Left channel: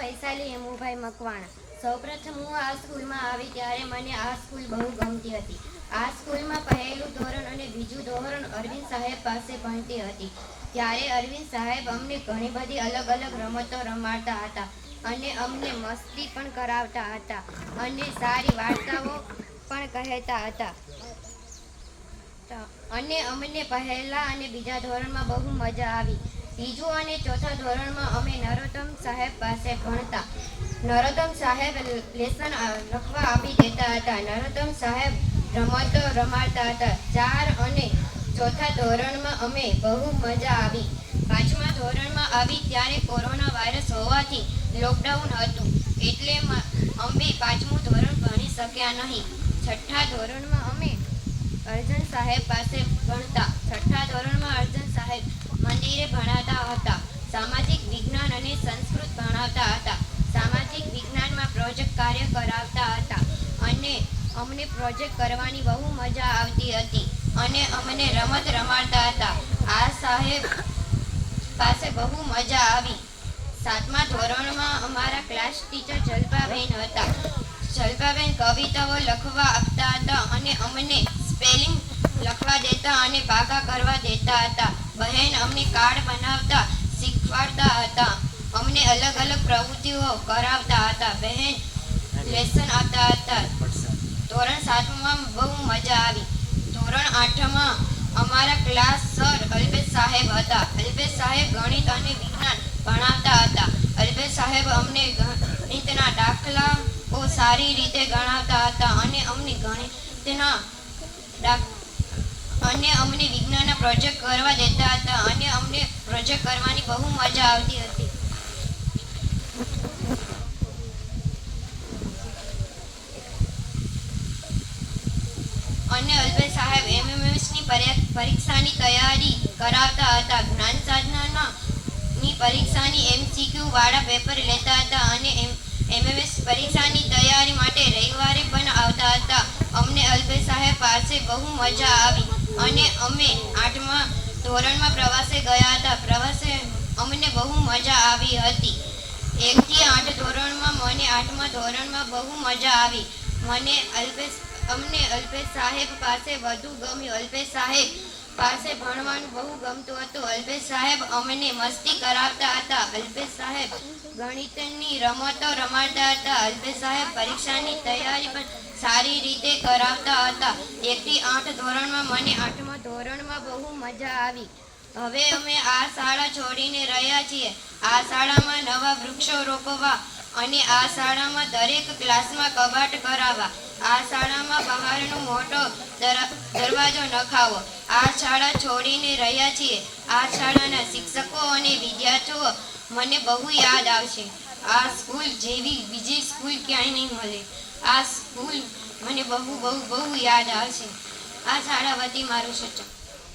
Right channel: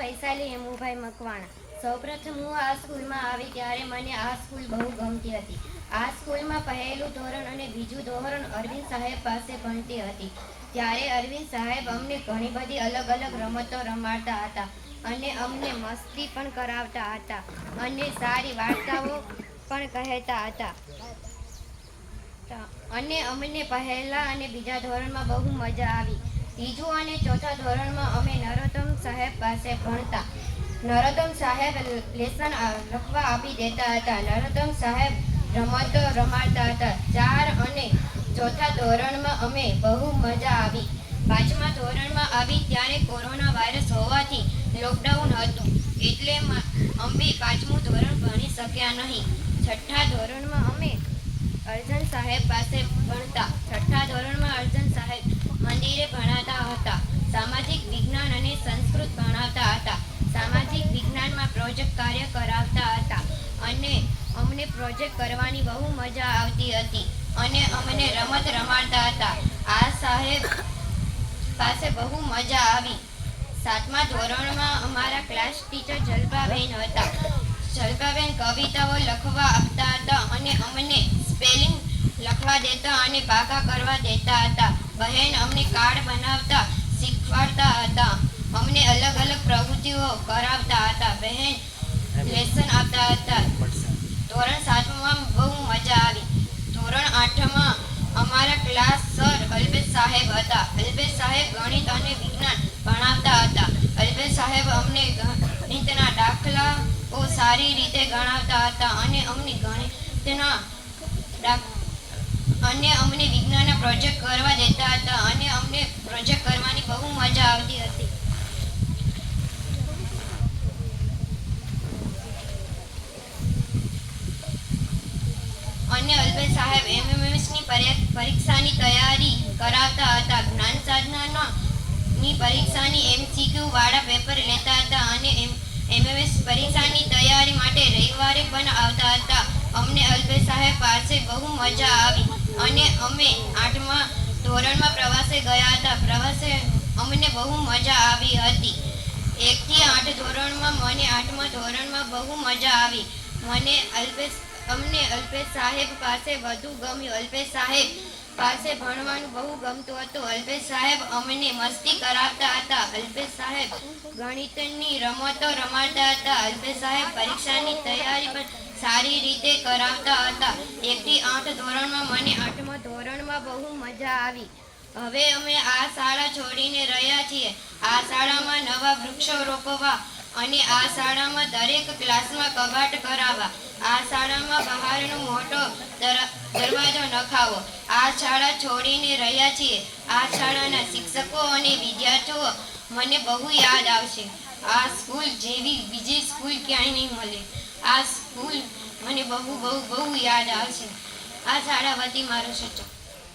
વૈશાલી હેમુભાઈ મકવાણા. સૌપ્રથમ હું આ સ્કૂલમાં આવી ત્યારે મને આ સ્કૂલ બહુ ગમતી હતી. આ સ્કૂલમાં પહેલું ધોરણ અને બીજું ધોરણ અરવિંદ સાહેબ પાસે ભણતી હતી. ત્યારે અરવિંદ સાહેબ અમને ઘણી બધી અલગ અલગ રમતો રમાડતા હતા અને અમને મસ્તી પણ કરાવતા હતા અને સારી વાર્તાઓ પણ કહેતા હતા. અને અમને પહેલા અને બીજા ધોરણમાં બહુ મજા આવી. ત્રીજું અને ચોથા ધોરણમાં અમે નરોત્તમ સાહેબ પાસે ભણતા. નરોત્તમ સાહેબ લેસન લખવા આપી દેતા હતા. નરોત્તમ સાહેબ રમતો રમાડતા હતા. ચાર અને ચોથા ધોરણમાં અમે બહુ મજા આવી. પાંચમા ધોરણમાં આવી ત્યારે કોરોના વાયરસ હોવાથી લોકડાઉન હતું. એટલે અમે પાંચમું ધોરણ ભણી શક્યા નહીં. છઠ્ઠા ધોરણમાં અમે અર્જન સાહેબ પાસે ભણતા. છઠ્ઠા ધોરણમાં અર્જન સાહેબ મંદિરે ભણાતા હતા. સામાજિક વિજ્ઞાન અને સંસ્કૃત ભણાવતા હતા. સામાજિક વિજ્ઞાનમાં પ્રોજેક્ટ કાર્ય કરાવતા હતા અને અમને પ્રોજેક્ટ કરવાની બહુ મજા આવતી હતી અને અમને રમત રમાડતા હતા. આ સાહેબ પાસે બહુ મજા આવી. સાતમા ધોરણમાં અમારા ક્લાસ ટીચર જલપાબેન હતા. જલભાબેન કવિતાઓ લખવા આપતા હતા અને અમને સ્પેલિંગ લખવા દેતા અને ભાગા કરવા દેતા હતા. બહેન અમને કાર્ડ બનાવતા શીખવાડતા હતા. અમને અલગ અલગ પ્રવૃત્તિઓ કરાવતા હતા. બહેન લેસન આપતા હતા. ધોરણ સાતમાં બહુ મજા આવી. ધોરણ આઠમાં અમારા ક્લાસ સર અલ્પેશ સાહેબ હતા. અલ્પેશ સાહેબ ગણિત અને વિજ્ઞાન ભણાવતા હતા. અલ્પેશ સાહેબ અમને ગણિતના દાખલાઓ સારી રીતે ગણાવતા હતા અને અમને ગણિતના દાખ- અને અમને વિજ્ઞાનના પ્રોજેક્ટ કરવા દેતા હતા અને અમને પ્રોજેક્ટ કરવાની બહુ મજા આવતી હતી. અને અલ્પેશ સાહેબ એમએમએસની પરીક્ષાની તૈયારી કરાવતા હતા. જ્ઞાન સાધનાના ની પરીક્ષાની એમસીક્યુ વાળા પેપર લેતા હતા અને એમએમએસ પરીક્ષાની તૈયારી માટે રવિવારે પણ આવતા હતા. અમને અલ્પેશ સાહેબ પાસે બહુ મજા આવી. અને અમે આઠમા ધોરણમાં પ્રવાસે ગયા હતા. પ્રવાસે અમને બહુ મજા આવી હતી. એકથી આઠ ધોરણમાં મને આઠમા ધોરણમાં બહુ મજા આવી. મને અલ્પેશ, અમને અલ્પેશ સાહેબ પાસે વધુ ગમ્યું. અલ્પેશ સાહેબ પાસે ભણવાનું બહુ ગમતું હતું. અલ્પેશ સાહેબ અમને મસ્તી કરાવતા હતા. અલ્પેશ સાહેબ ગણિતની રમતો રમાડતા હતા. અલ્પેશ સાહેબ પરીક્ષાની તૈયારી પણ સારી રીતે કરાવતા હતા. એકથી આઠ ધોરણમાં મને આઠમા ધોરણમાં બહુ મજા આવી. હવે અમે આ શાળા છોડીને રહ્યા છીએ. આ શાળામાં નવા વૃક્ષો રોપવા અને આ શાળામાં દરેક ક્લાસમાં કબાટ કરાવવા. આ શાળામાં બહારનો મોટો દરવાજો નખાવો. આ શાળા છોડીને રહ્યા છીએ. આ શાળાના શિક્ષકો અને વિદ્યાર્થીઓ મને બહુ યાદ આવશે. આ સ્કૂલ જેવી બીજી સ્કૂલ ક્યાંય નહીં મળે. આ સ્કૂલ મને બહુ બહુ બહુ યાદ આવશે. આ શાળા વતી મારું સૂચન